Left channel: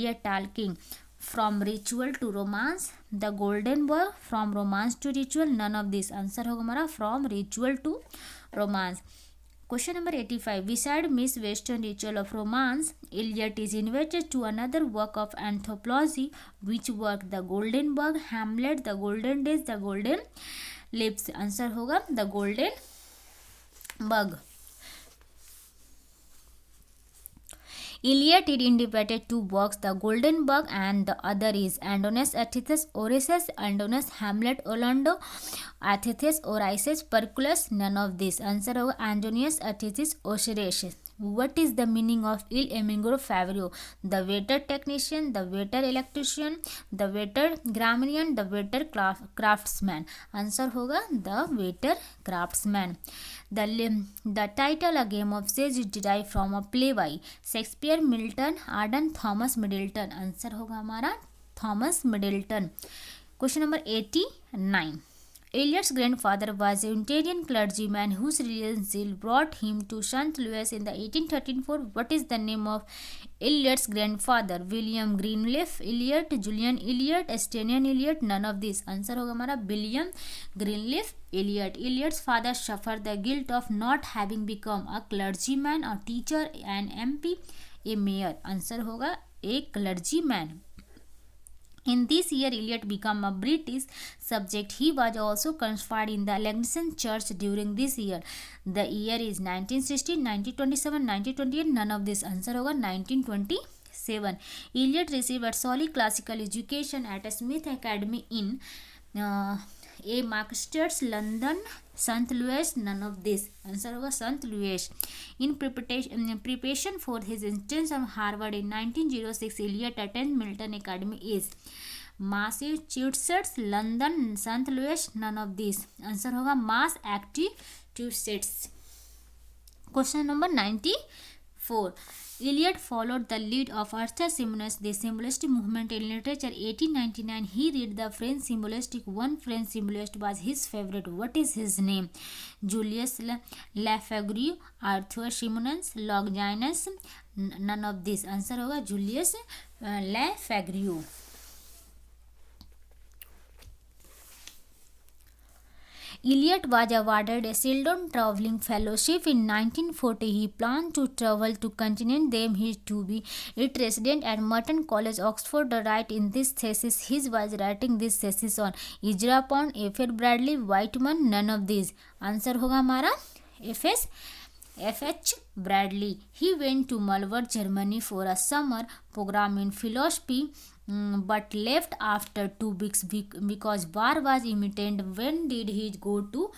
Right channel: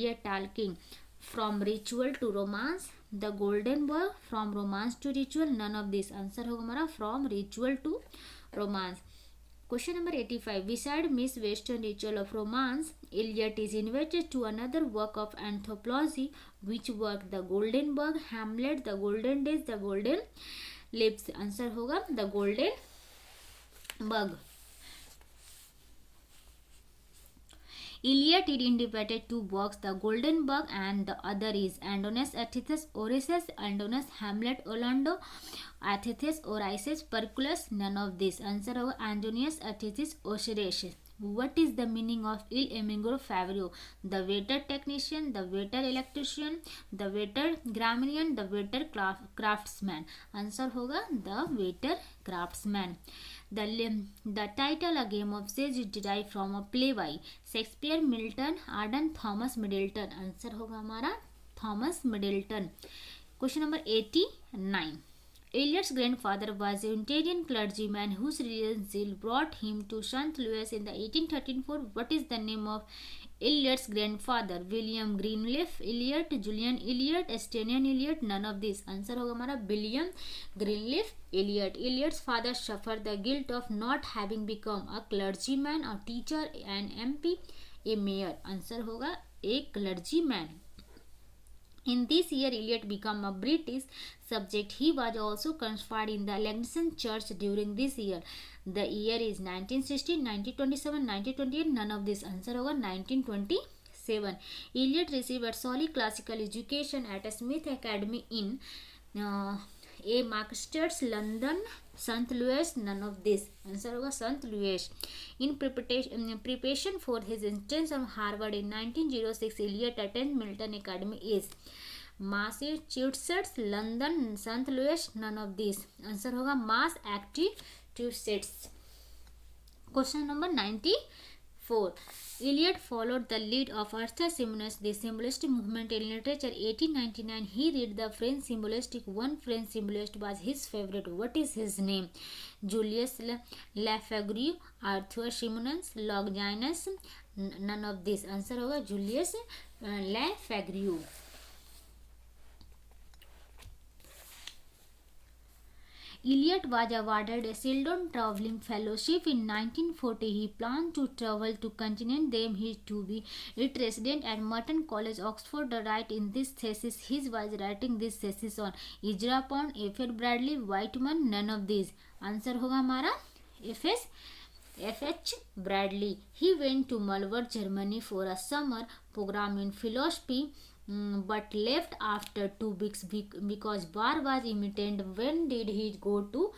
Elliot talking from ritual to romance, the golden boy from romance to ritual, none of this. Answer होगा हमारा from ritual to romance. Question number 85. Beside Miss Western ritual of romance, Eliot is invited to another work of anthropology. Which work? The Golden Bug, Hamlet, The Golden Days, The Golden Lips. Answer होगा The Golden Bug. Eliot did interpreted two works, The Golden Bug and the other is Andonius Athetheus Orices, Andonius Hamlet Orlando, Athetheus Orices Perculus, none of this. Answer होगा Andonius Athetheus Orices. What is the meaning of Il Emigro Favrio? The waiter technician, the waiter electrician, the waiter grammarian, the waiter craftsman. Answer होगा the waiter craftsman. The title A Game of Chess is derived from a play by Shakespeare, Milton, Arden, Thomas Middleton. Answer होगा हमारा Thomas Middleton. Question number 89. Eliot's grandfather was a Unitarian clergyman whose religious zeal brought him to St. Louis in the 1834. What is the name of Eliot's grandfather? William Greenleaf Eliot, Julian Eliot, Estonian Eliot, none of these. Answer होगा हमारा William Greenleaf Eliot. Eliot's father suffered the guilt of not having become a clergyman, a teacher, an MP, a mayor. Answer होगा a clergyman. In this year, Eliot became a British subject. He was also conscripted in the Anglican Church during this year. The year is 1916, 1927, 1928. None of this. Answer होगा 1927. Eliot received a solid classical education at a Smith Academy in a Marksters, London, St. Louis. None of this. Answer होगा St. Louis. In preparation for his entrance of Harvard in 1906, Eliot attended Milton Academy is Massachusetts, London, St. Louis. None of these. Answer होगा Massachusetts. Question number 94. Eliot followed the lead of Arthur Symons, the symbolist movement in literature. 1899, he read the French symbolistic. One French symbolist was his favorite. What is his name? Julius Lafagure, Arthur Symons, Longinus. None of this. Answer होगा Julius Lafagure. Eliot was awarded a Sheldon Travelling Fellowship in 1940. He planned to travel to continent. Then he to be a resident at Merton College, Oxford. The write in this thesis, he was writing this thesis on Ezra Pound, F. Bradley, Whitman. None of these. Answer होगा हमारा F.H. Bradley. He went to Malvern, Germany for a summer program in philosophy, but left after 2 weeks because war was imminent. When did he go to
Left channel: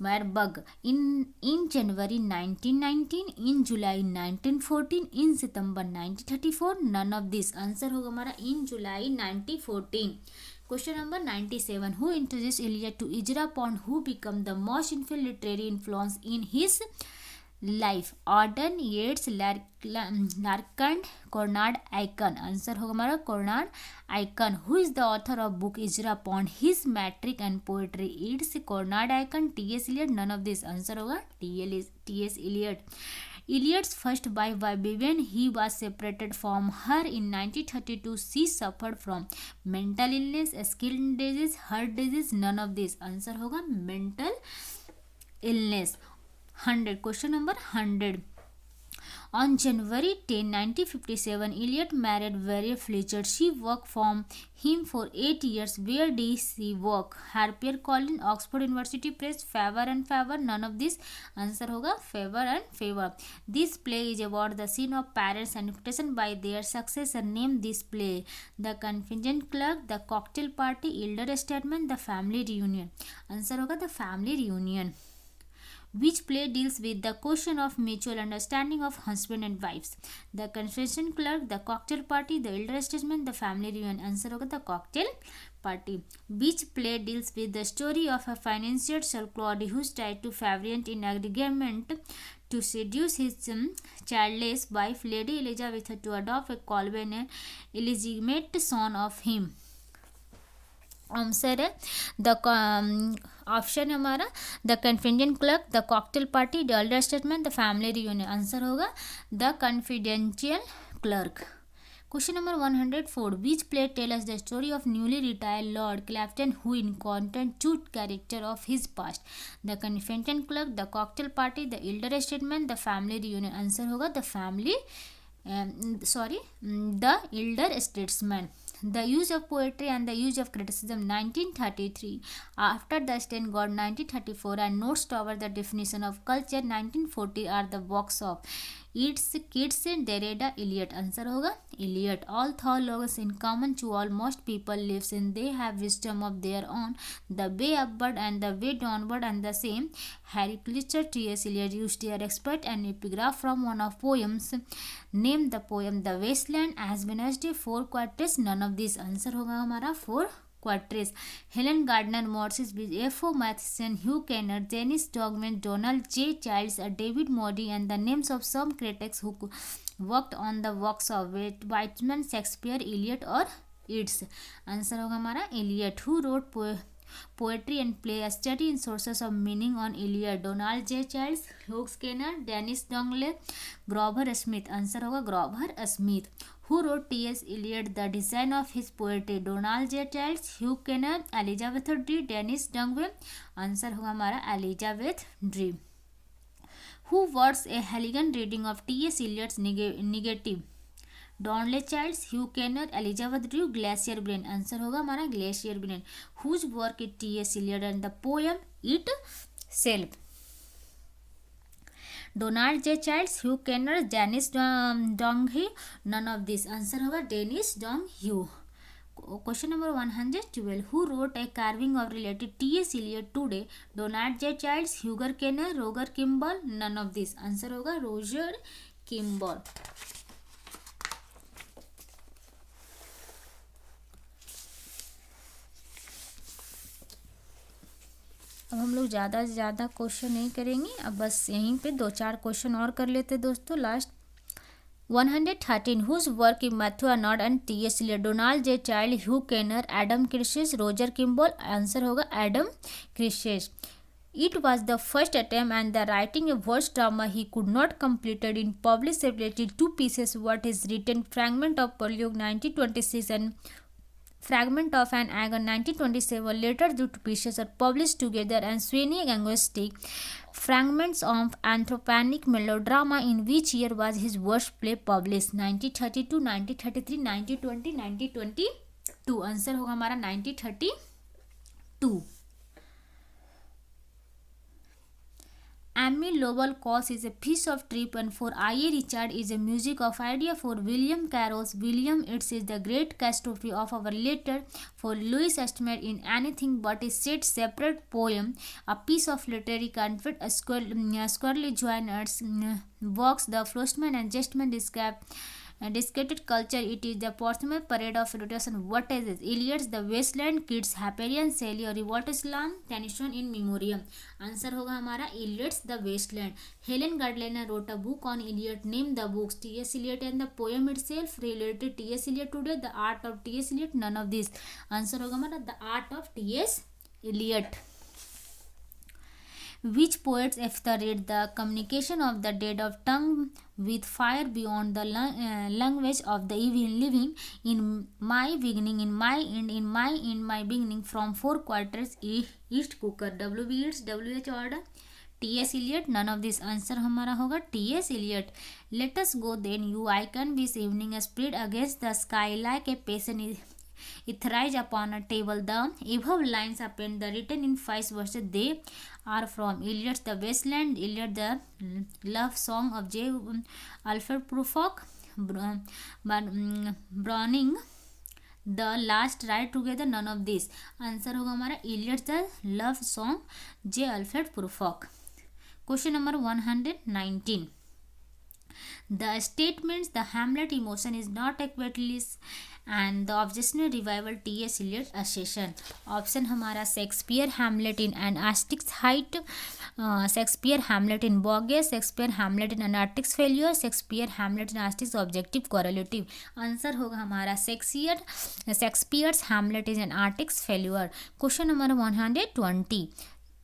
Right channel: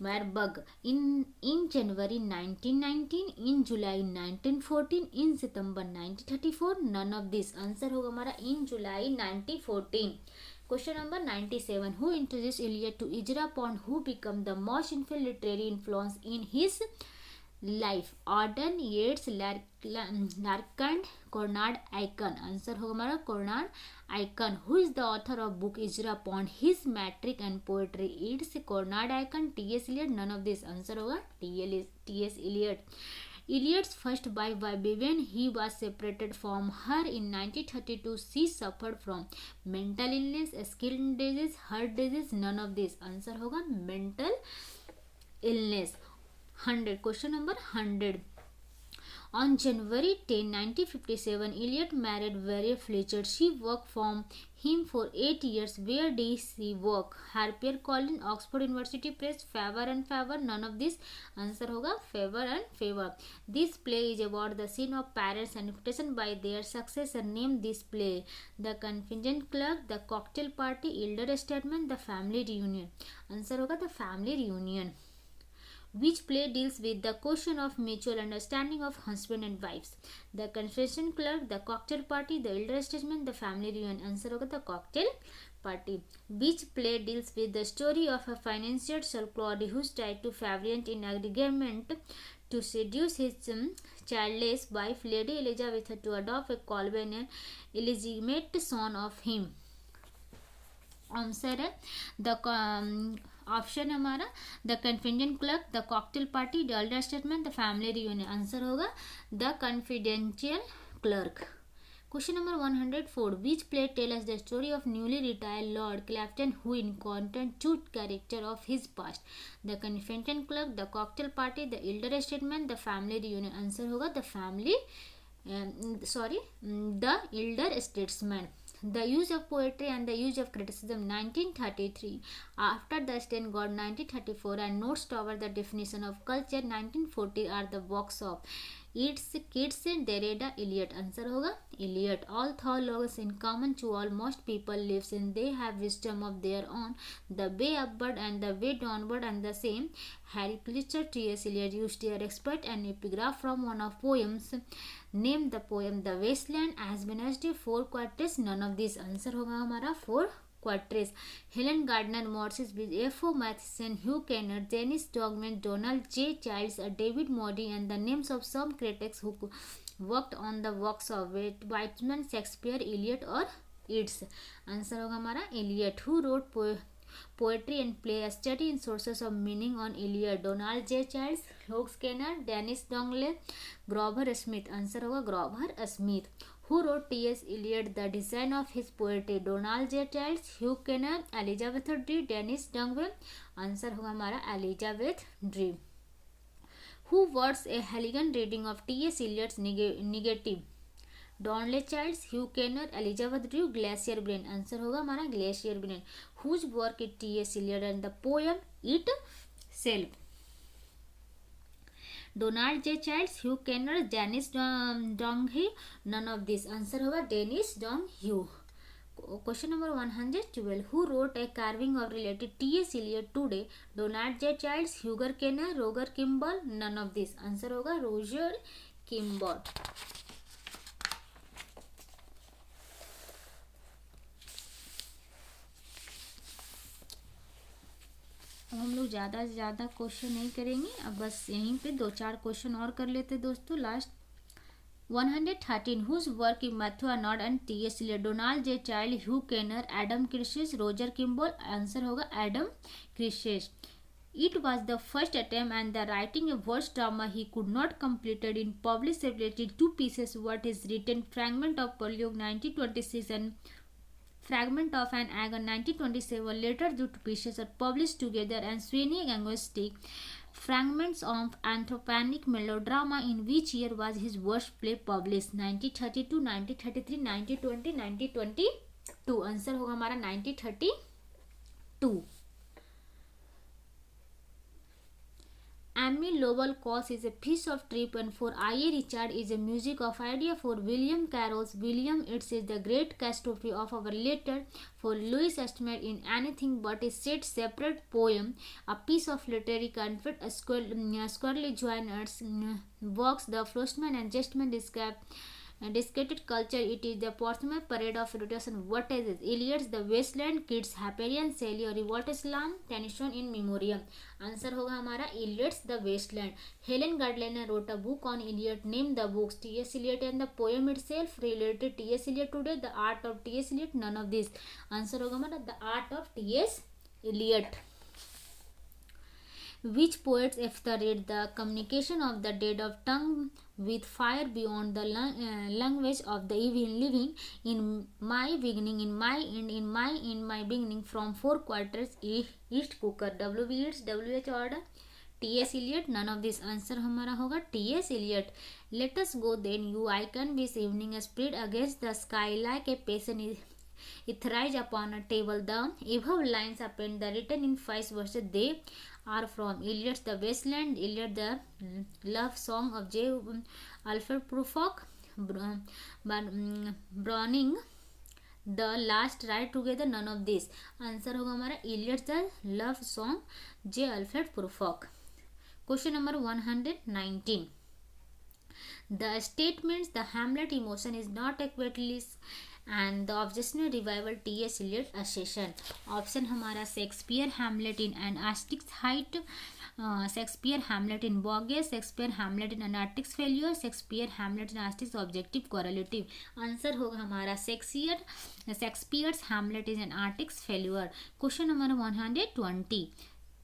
Marburg? In January 1919, in July 1914, in September 1934. None of this. Answer होगा हमारा in July 1914. Question number 97. Who introduced Eliot to Ezra Pound, who became the most influential literary influence in his life? Auden, Yeats, Larkand, Cornard Aiken. Answer होगा हमारा Cornard Aiken. Who is the author of book Ezra Pound, his metric and poetry? It's Cornard Aiken. T.S. Eliot. None of this. Answer होगा T.S. Eliot. Eliot's first wife Vivian, he was separated from her in 1932. She suffered from mental illness, skin disease, heart disease. None of this. Answer होगा mental illness. 100. Question number 100. On January 10, 1957, Eliot married Vera Fletcher. She worked for him for 8 years. Where did she work? Harper Collins, Oxford University Press, Faber and Faber. None of this. Answer होगा Faber and Faber. This play is about the scene of parents and expectation by their successor. Name this play. The Contingent Clerk, The Cocktail Party, Elder Statesman, The Family Reunion. Answer होगा The Family Reunion. Which play deals with the question of mutual understanding of husband and wives? The Confession Clerk, The Cocktail Party, The Elder Statesman, The Family Reunion. Answer होगा The Cocktail Party. Which play deals with the story of a financier Sir Claude who tried to fabricate in agreement to seduce his childless wife Lady Elizabeth to adopt a Colburn, an illegitimate son of him? Answer है the option हमारा the confident clerk, the cocktail party, the elder statement, the family reunion. Answer होगा the confidential clerk. Question number 104. Which play tells us the story of newly retired Lord Clapton who encountered true character of his past? The Confetti Club, the Cocktail Party, the Elder Statesman, the Family Reunion. Answer होगा the Elder Statesman. The use of poetry and the use of criticism 1933. After the Sten God 1934 and notes toward the definition of culture 1940 are the works of its kids Derrida Eliot. Answer होगा Eliot. All theologians in common to almost people lives in they have wisdom of their own. The way upward and the way downward and the same. Harry Pulitzer T.S. Eliot used their expert an epigraph from one of poems. Name the poem The Wasteland as Wednesday 4 quarters. None of these. Answer होगा हमारा 4 quarters. Helen Gardner Morris, F.O. Matheson, Hugh Kenner, Dennis Dogman, Donald J. Childs, David Modi, and the names of some critics who worked on the works of Whitman, Shakespeare, Eliot or Yeats. Answer होगा हमारा Eliot. Who wrote poetry and play a study in sources of meaning on Eliot? Donald J. Childs, Hugh Kenner, Dennis Dongle, Grover Smith. Answer होगा Grover Smith. Who wrote T.S. Eliot the design of his poetry? Donald J. Childs, Hugh Kenner, Elizabeth Dre, Dennis Dungway. Answer होगा हमारा Elizabeth Dre. Who was a elegant reading of T.S. Eliot's negative? Donald Childs, Hugh Kenner, Elizabeth Dre, Glacier Brain. Answer होगा हमारा Glacier Brain. Whose work is T.S. Eliot and the poem Itself? Donald J. Childs, Hugh Kenner, Dennis Donghue. None of these. Answer होगा Dennis Donghue. Question number 112. Who wrote a carving of related T.S. Eliot today? Donald J. Childs, Hugh Kenner, Roger Kimball. None of these. Answer होगा Roger Kimball. अब हम लोग ज़्यादा से ज़्यादा question नहीं करेंगे. अब बस यहीं पे 2-4 क्वेश्चन और कर लेते दोस्तों. Last 113. Whose work in Matthew Arnold and T.S. Eliot? Donald J. Child, Hugh Kenner, Adam Kirches, Roger Kimball. Answer होगा Adam Kirches. It was the first attempt and the writing a verse drama he could not completed in published separately 2 pieces. What is written? Fragment of Prologue 1926 and Fragment of an Agon 1927. Later the 2 pieces are published together and Sweeney Angustic. Fragments of Anthroponic Melodrama. In which year was his worst play published? 1932, 1933, 1920, 1922. Answer होगा हमारा 1932. Emmy Lowell Cause is a piece of trip and for I.A. Richard is a music of idea for William Carroll's William Yeats is the great catastrophe of our letter for Louis Estimate in anything but a set separate poem, a piece of literary content, a squarely joiners works, the Frostman and Justman discredited culture. It is the Portsmouth parade of rotation. What is it? Eliot's The Wasteland, Kids, Hyperion, Sally, or Revolt Islam, Tennyson in Memoriam. Answer होगा हमारा Eliot's The Wasteland. Helen Gardner wrote a book on Eliot. Name the books. T.S. Eliot and the poem itself. Related T.S. Eliot today. The art of T.S. Eliot. None of these. Answer होगा हमारा The art of T.S. Eliot. Which poets read the communication of the dead of tongue with fire beyond the language of the living? In my beginning, in my end, in my beginning, from 4 quarters, East Cooker. W.B. Yeats, W.H. Order, T.S. Eliot. None of this. Answer हमारा होगा T.S. Eliot. Let us go then, you icon this evening spread against the sky like a patient it rise upon a table. The above lines append the written in 5 verses. They are from Eliot's The Wasteland, Eliot The Love Song of J. Alfred Prufrock, Browning The Last Ride Together. None of this. Answer होगा हमारा Eliot's The Love Song, J. Alfred Prufrock. Question number 119. The statements the Hamlet emotion is not equally and the obsessional revival T.S. Eliot assertion. Option हमारा Shakespeare Hamlet in an Asterix height, Shakespeare Hamlet in bogus, Shakespeare Hamlet in Anarctic failure, Shakespeare Hamlet in Asterix objective correlative. Answer होगा हमारा Shakespeare's Hamlet is an Arctic failure. Question number 120.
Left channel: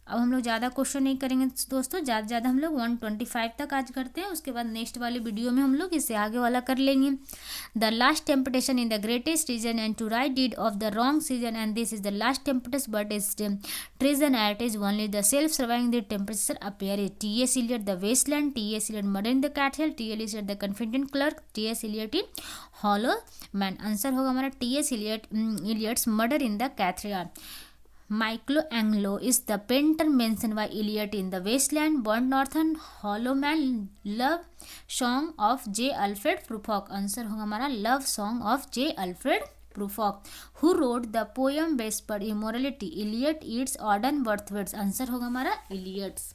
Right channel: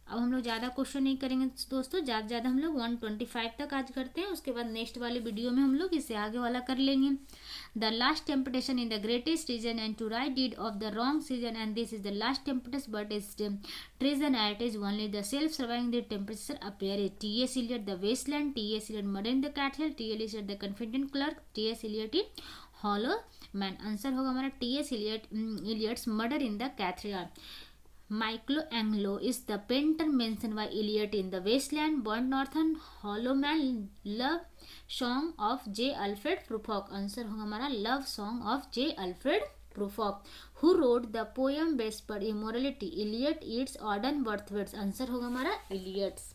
अब हम लोग ज़्यादा question नहीं करेंगे दोस्तों, ज़्यादा हम लोग 125 तक आज करते हैं, उसके बाद नेक्स्ट वाले वीडियो में हम लोग इससे आगे वाला कर लेंगे। The last temptation in the greatest reason and to right deed of the wrong season and this is the last temptation but is treason at is only the self surviving the temperature appear it. T.S. Eliot the wasteland, T.S. Eliot murder in the cattle, T.S. Eliot the confident clerk, T.S. Eliot hollow man. Answer होगा हमारा T.S. Eliot's murder in the cathedral. Michelangelo is the painter mentioned by Eliot in the wasteland. Burnt Northern hollow man love song of J. Alfred Prufrock. Answer होगा हमारा love song of J. Alfred Prufrock. Who wrote the poem Vesper Immorality? Eliot, Yeats, Auden, Wordsworth. Answer होगा हमारा Eliot's.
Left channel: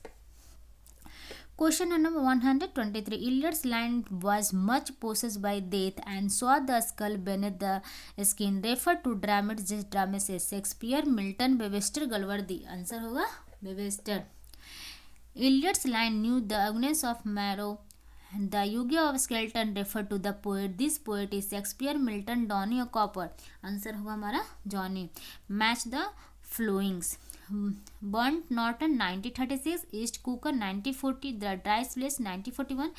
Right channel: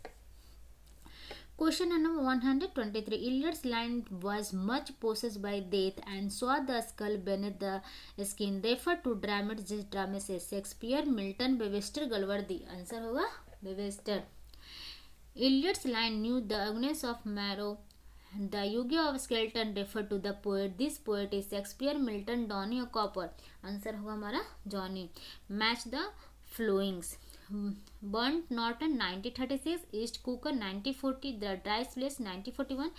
Question number 123. Eliot's line was much possessed by death and saw the skull beneath the skin. Refer to dramas Shakespeare, Milton, Webster, Galworthy. Answer होगा Webster. Eliot's line knew the agonies of marrow. The Yuga of Skeleton refer to the poet. This poet is Shakespeare, Milton, Donny or Cooper. Answer होगा हमारा Johnny. Match the flowings. Burnt Norton 1936, East Cooker 1940, The Dry Place 1941,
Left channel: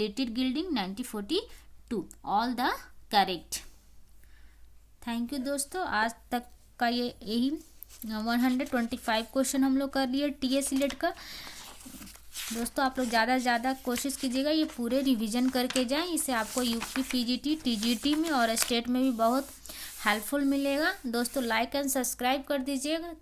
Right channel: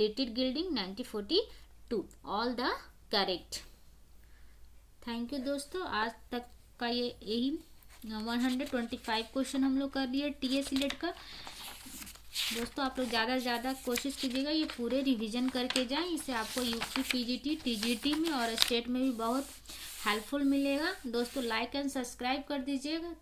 Little Gilding 1942. All the correct. Thank you दोस्तों, आज तक का यही 125 question हम लोग कर लिए टीएस एलियट का। दोस्तों आप लोग ज़्यादा से ज़्यादा कोशिश कीजिएगा ये पूरे रिवीजन करके जाएं, इससे आपको यूपी पीजीटी टीजीटी में और स्टेट में भी बहुत हेल्पफुल मिलेगा। दोस्तों लाइक एंड सब्सक्राइब कर दीजिएगा।